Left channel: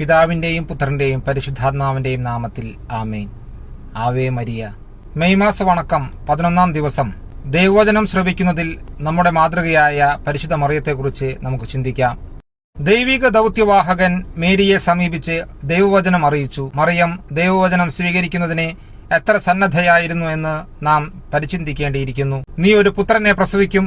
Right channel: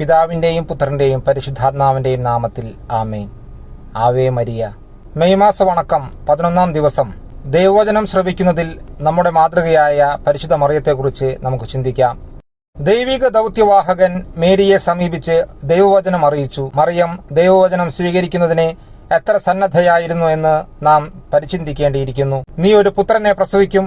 പിതാവിന്റെയും പുത്രന്റെയും പരിശുദ്ധാത്മാവിന്റെയും നാമത്തിൽ ആമേൻ. Ave Maria. മെയ് മാസ വണക്കം 11-ാം ദിവസം. ദൈവവചനം ശ്രവിക്കുന്നതിൽ നമ്മുടെ മാതൃകയായ പരിശുദ്ധ മറിയത്തെക്കുറിച്ച് നമുക്ക് ചിന്തിക്കാം. ദൈവിക ദൗത്യവാഹകൻ മേരിയെ സമീപിച്ച് ദൈവവചനം അറിയിച്ചു. മറിയം ദൈവവചനം സ്വീകരിക്കുന്നതിനെ എത്ര സന്നദ്ധയായിരുന്നു എന്ന് നാം പരിചിന്തിക്കേണ്ടിയിരിക്കുന്നു. നീ ഒരു പുത്രനെ പ്രസവിക്കും,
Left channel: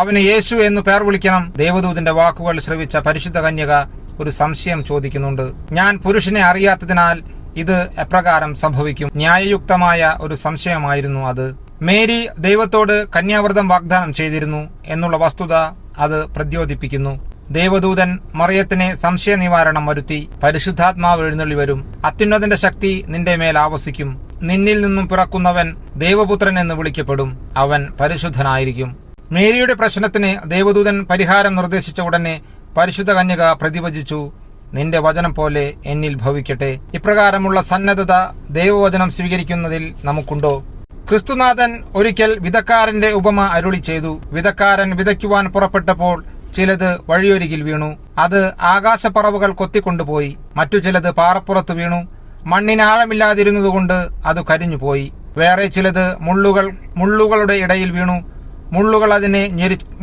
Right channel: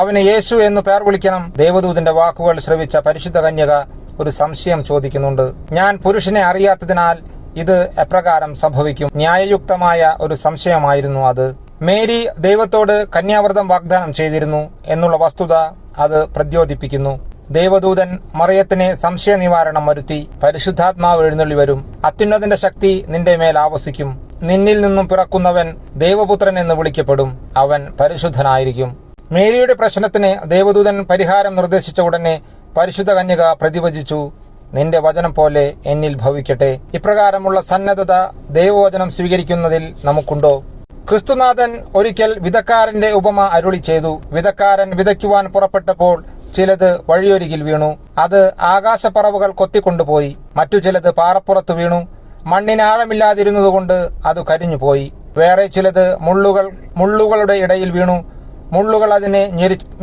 അവന് യേശു എന്ന് പേർ വിളിക്കണം. ദേവദൂതന്റെ വാക്കുകൾ ശ്രവിച്ച പരിശുദ്ധ കന്യക ഒരു സംശയം ചോദിക്കുന്നുണ്ട്. ഞാൻ പുരുഷനെ അറിയാത്തതിനാൽ ഇത് എപ്രകാരം സംഭവിക്കും? ന്യായയുക്തമായ ഒരു സംശയമായിരുന്നു അത്. മേരി ദൈവത്തോട് കന്യാവ്രതം വാഗ്ദാനം ചെയ്തിരുന്നു എന്നുള്ള വസ്തുത അത് പ്രദ്യോതിപ്പിക്കുന്നു. ദേവദൂതൻ മറിയത്തിന് സംശയ നിവാരണം വരുത്തി. പരിശുദ്ധാത്മാവ് എഴുന്നള്ളി വരും, അത്യുന്നതന്റെ ശക്തി നിന്റെ മേൽ ആവസിക്കും, നിന്നിൽ നിന്നും പിറക്കുന്നവൻ ദേവപുത്രൻ എന്ന് വിളിക്കപ്പെടും, അവൻ പരിശുദ്ധനായിരിക്കും. മേരിയുടെ പ്രശ്നത്തിന് ദേവദൂതൻ പരിഹാരം നിർദ്ദേശിച്ച ഉടനെ പരിശുദ്ധ കന്യക പ്രതിവചിച്ചു, നിന്റെ വചനം പോലെ എന്നിൽ ഭവിക്കട്ടെ. ഇപ്രകാരമുള്ള സന്നദ്ധത ദൈവവചനം സ്വീകരിക്കുന്നതിൽ നമുക്കുണ്ടോ? ക്രിസ്തുനാഥൻ ഒരിക്കൽ വിതക്കാരന്റെ ഉപമ അരുളി ചെയ്തു. വിതക്കാരൻ വിതയ്ക്കുവാൻ പുറപ്പെട്ടപ്പോൾ ചിലത് വഴിയൊരികിൽ വീണു. അത് ആകാശപ്പറവുകൾ കൊത്തിക്കൊണ്ടുപോയി. മറ്റു ചിലത് പാറപ്പുറത്ത് വീണു. മണ്ണിന് ആഴമില്ലാതിരുന്നതുകൊണ്ട് അത് കരിഞ്ഞുപോയി. വേറെ ചിലത് മുള്ളുകളുടെ ഇടയിൽ വീണു. മുള്ളുകൾ അതിനെ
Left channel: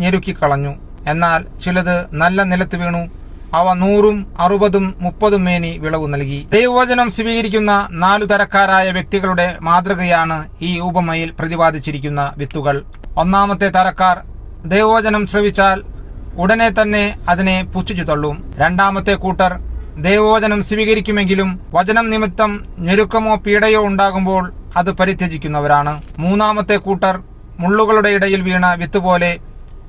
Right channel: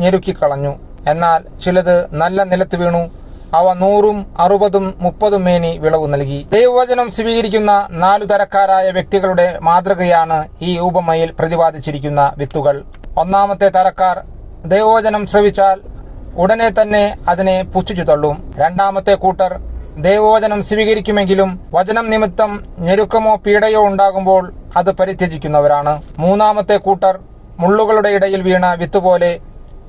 ഞെരുക്കിക്കളഞ്ഞു. എന്നാൽ ചിലത് നല്ല നിലത്ത് വീണു. അവ 100, 60, 30 മേനി വിളവ് നൽകി. ദൈവവചനം സ്വീകരിക്കുന്ന 4 തരക്കാരായ വ്യക്തികളുടെ മാതൃകയാണ് ഈ ഉപമയിൽ പ്രതിപാദിച്ചിരിക്കുന്ന വിത്തുകൾ. ഒന്നാമത്തെ തരക്കാർ ദൈവവചനം ശ്രവിച്ചാൽ ഉടനെ തന്നെ അതിനെ പുച്ഛിച്ചു തള്ളും. രണ്ടാമത്തെ കൂട്ടർ ദൈവവചനം സ്വീകരിക്കുമെങ്കിലും വചനം നിമിത്തം ഞെരുക്കമോ പീഡയോ ഉണ്ടാകുമ്പോൾ അത് പരിത്യജിക്കുന്നവരാണ്. മൂന്നാമത്തെ കൂട്ടർ മുള്ളുകളുടെ ഇടയിൽ വീണ വിത്തുപോലെ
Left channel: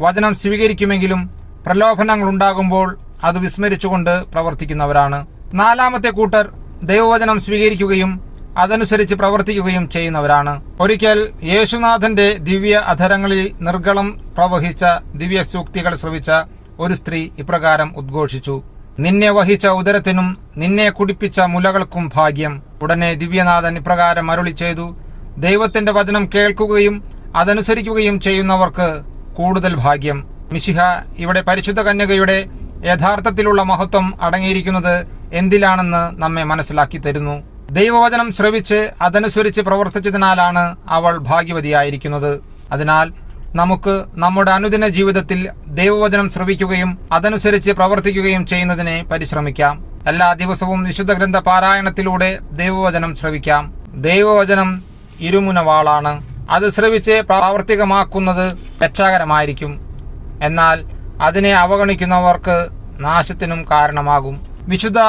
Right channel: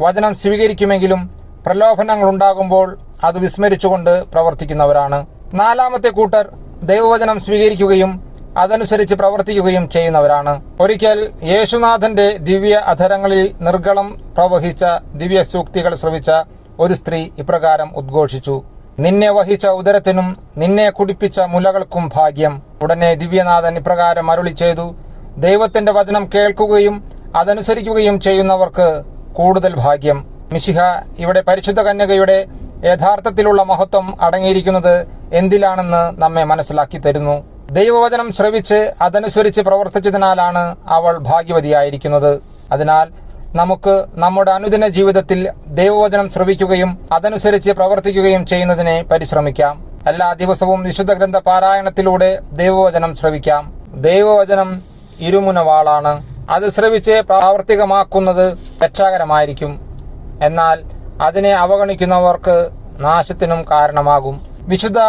വചനം സ്വീകരിക്കുമെങ്കിലും പ്രലോഭനങ്ങൾ ഉണ്ടാകുമ്പോൾ അത് വിസ്മരിച്ചുകൊണ്ട് പ്രവർത്തിക്കുന്നവരാണ്. നാലാമത്തെ കൂട്ടർ ദൈവവചനം സ്വീകരിക്കുകയും അതനുസരിച്ച് പ്രവർത്തിക്കുകയും ചെയ്യുന്നവരാണ്. ഒരിക്കൽ യേശുനാഥന്റെ ദിവ്യ അധരങ്ങളിൽ നിർഗളം പ്രവഹിച്ച ദിവ്യ സൂക്തികൾ ശ്രവിച്ച ഒരു സ്ത്രീ ഇപ്രകാരം ഉദ്ഘോഷിച്ചു, നിന്നെ വഹിച്ച ഉദരത്തിനും നിന്നെ കുടിപ്പിച്ച മുലകൾക്കും ഭാഗ്യം. ഉടനെ ദിവ്യനാഥൻ ഇപ്രകാരം അരുളി ചെയ്തു, ദൈവത്തിന്റെ വചനം കേൾക്കുകയും അതനുസരിക്കുകയും ചെയ്യുന്നവർക്ക് കൂടുതൽ ഭാഗ്യം. മിശിഹ ഇവിടെ പരിശുദ്ധ കന്യകയുടെ യഥാർത്ഥത്തിലുള്ള മഹത്വം അടങ്ങിയിരിക്കുന്നത് എന്തിലാണെന്ന് നമ്മെ മനസ്സിലാക്കി തരുന്നു. ദൈവവചനം ശ്രവിച്ച് അതനുസരിച്ച് പ്രവർത്തിച്ചതിനാലാണ് അവൾ ഭാഗ്യവതിയായിരിക്കുന്നത്. അതിനാൽ നമുക്ക് നമ്മുടെ അനുദിന ജീവിതത്തിൽ ദൈവവചനം ശ്രവിക്കുകയും അതനുസരിച്ച് പ്രവർത്തിക്കുകയും ചെയ്യുന്നതിനെ പരിശ്രമിക്കാം. എല്ലാ ദിവസവും വിശുദ്ധ ഗ്രന്ഥ പാരായണത്തിലൂടെ ദൈവവചനം ശ്രവിക്കാം. ദൈവവചനം ഇരുമുനവാളാണ്. അത് ശ്രവിച്ച് പ്രാവർത്തികമാക്കുന്നത് രക്ഷാകരമായിരിക്കും. എന്നാൽ അതിനെ അവഗണിക്കുന്നവർക്ക് നാശത്തിനും കാരണമാകും. വിശുദ്ധ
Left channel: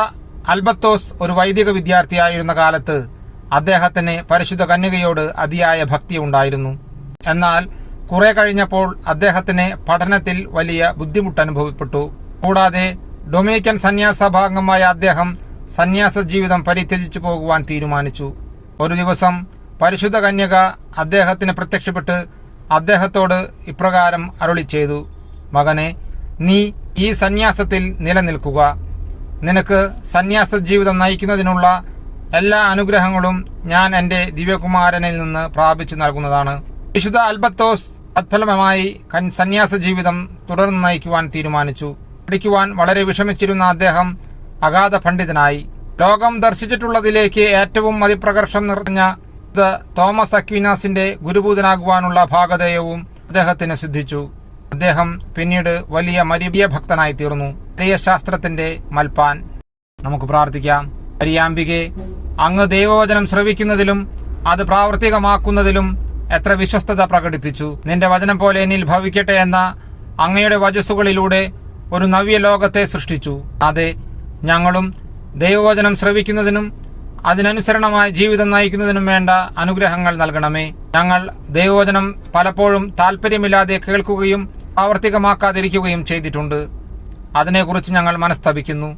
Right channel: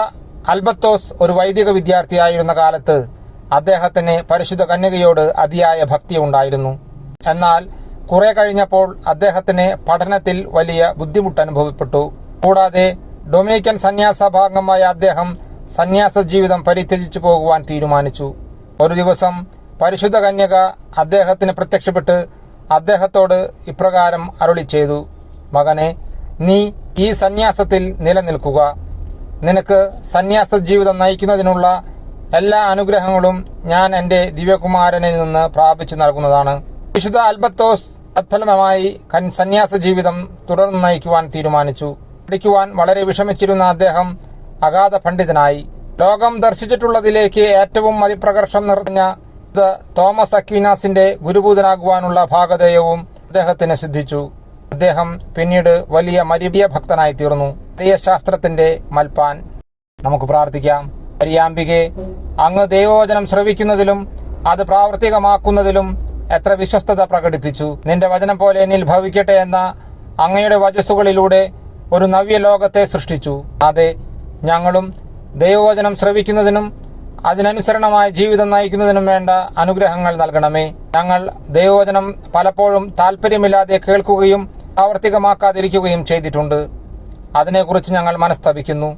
അൽബത്തോസ് ഒരു വൈദിക വിദ്യാർത്ഥിയായിരുന്ന കാലത്ത് അദ്ദേഹത്തിന് പരിശുദ്ധ കന്യകയോട് അതിയായ ഭക്തി ഉണ്ടായിരുന്നു. എന്നാൽ കുറെ കഴിഞ്ഞപ്പോൾ അദ്ദേഹത്തിന് പഠനത്തിൽ വലിയ ബുദ്ധിമുട്ട് അനുഭവപ്പെട്ടു. കൂടാതെ ഡൊമിനിക്കൻ സന്യാസഭാംഗമായ അദ്ദേഹം സന്യാസ ജീവിതം പരിത്യജിച്ചു പോകുവാൻ തീരുമാനിച്ചു. ഒരു ദിവസം പരിശുദ്ധ കന്യക അദ്ദേഹത്തിന് പ്രത്യക്ഷപ്പെട്ട് അദ്ദേഹത്തോട് ഇപ്രകാരം അരുളി ചെയ്തു, മകനെ, നീ ഈ സന്യാസത്തിൽ നിലനിൽക്കുക. നിനക്ക് സന്യാസ ജീവിതം നയിക്കുന്നതിനുള്ള എല്ലാ അനുഗ്രഹങ്ങളും ഞാൻ എന്റെ ദിവ്യകുമാരനിൽ നിന്ന് പ്രാപിച്ചു നൽകുന്നതാണ്. വിശുദ്ധ അൽബത്തോസ് തത്ഫലമായി സന്യാസ ജീവിതം തുടർന്ന് നയിക്കുവാൻ തീരുമാനിച്ചു. പഠിക്കുവാൻ വളരെ വിഷമിച്ചിരുന്ന അദ്ദേഹം അഗാധ പണ്ഡിതനായി. ലോകം ദർശിച്ചിട്ടുള്ളതിലേക്ക് ഏറ്റവും അതിപ്രകർഷം നിറഞ്ഞ തോമസ് അക്വീനാസിന്റെ ഗുരുഭൂതനാകുവാനുള്ള ഭാഗധേയവും അദ്ദേഹത്തിന് സിദ്ധിച്ചു. അദ്ദേഹം പിന്നീട് വലിയ മരിയ ഭക്തനായി തീർന്നു. ശാസ്ത്രത്തിന്റെ മൽപ്പാൻ. നമുക്ക് പ്രാർത്ഥിക്കാം. മരിയാംബികെ, അങ്ങ് ദൈവവചനം ശ്രവിക്കുന്നതിലും അത് പ്രാവർത്തികമാക്കുന്നതിലും എത്ര വിശ്വസ്തത പ്രകടിപ്പിച്ചു. നിന്റെ വചനം പോലെ എന്നിൽ ഭവിക്കട്ടെ എന്ന അങ്ങയുടെ വചസ്സുകളിലൂടെ ഒരു നവ്യ ലോകത്തെ സൃഷ്ടിച്ചു. അതെ, ഞങ്ങളും ദൈവവചനം ശ്രവിക്കുന്നതിനും അതിനനുസരണമായ ജീവിതം നയിക്കുന്നതിനും വേണ്ട അനുഗ്രഹങ്ങൾ നൽകണമേ. ഞങ്ങൾ ദൈവവചനം പലപ്പോഴും താല്പര്യമില്ലാതെ കേൾക്കുകയും പ്രാവർത്തികമാക്കാതിരിക്കുകയും ചെയ്തിട്ടുണ്ട്. അതിനെക്കുറിച്ച് ഞങ്ങൾ മനസ്തപിക്കുന്നു.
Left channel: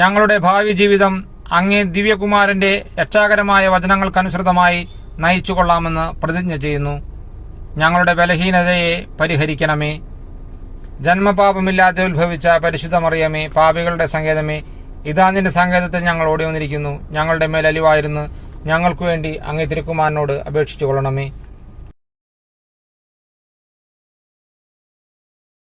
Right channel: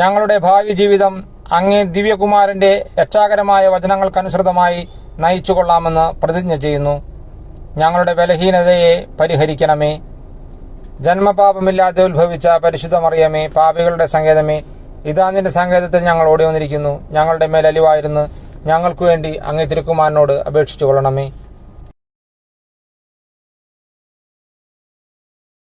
ഞങ്ങളുടെ ഭാവി ജീവിതം അങ്ങേ ദിവ്യകുമാരന്റെ രക്ഷാകരമായ വചനങ്ങൾക്കനുസൃതമായി നയിച്ചുകൊള്ളാമെന്ന് പ്രതിജ്ഞ ചെയ്യുന്നു. ഞങ്ങളുടെ ബലഹീനതയെ പരിഹരിക്കണമേ. ജന്മപാപമില്ലാതെ ഉത്ഭവിച്ച പരിശുദ്ധ മറിയമേ, പാപികളുടെ സങ്കേതമേ, ഇതാ നിന്റെ സങ്കേതത്തിൽ ഞങ്ങൾ ഓടി വന്നിരിക്കുന്നു. ഞങ്ങളുടെ മേൽ അലിവായിരുന്നു ഞങ്ങൾക്കു വേണ്ടി അങ്ങേ തിരുക്കുമാരനോട് അപേക്ഷിച്ചു കൊള്ളണമേ.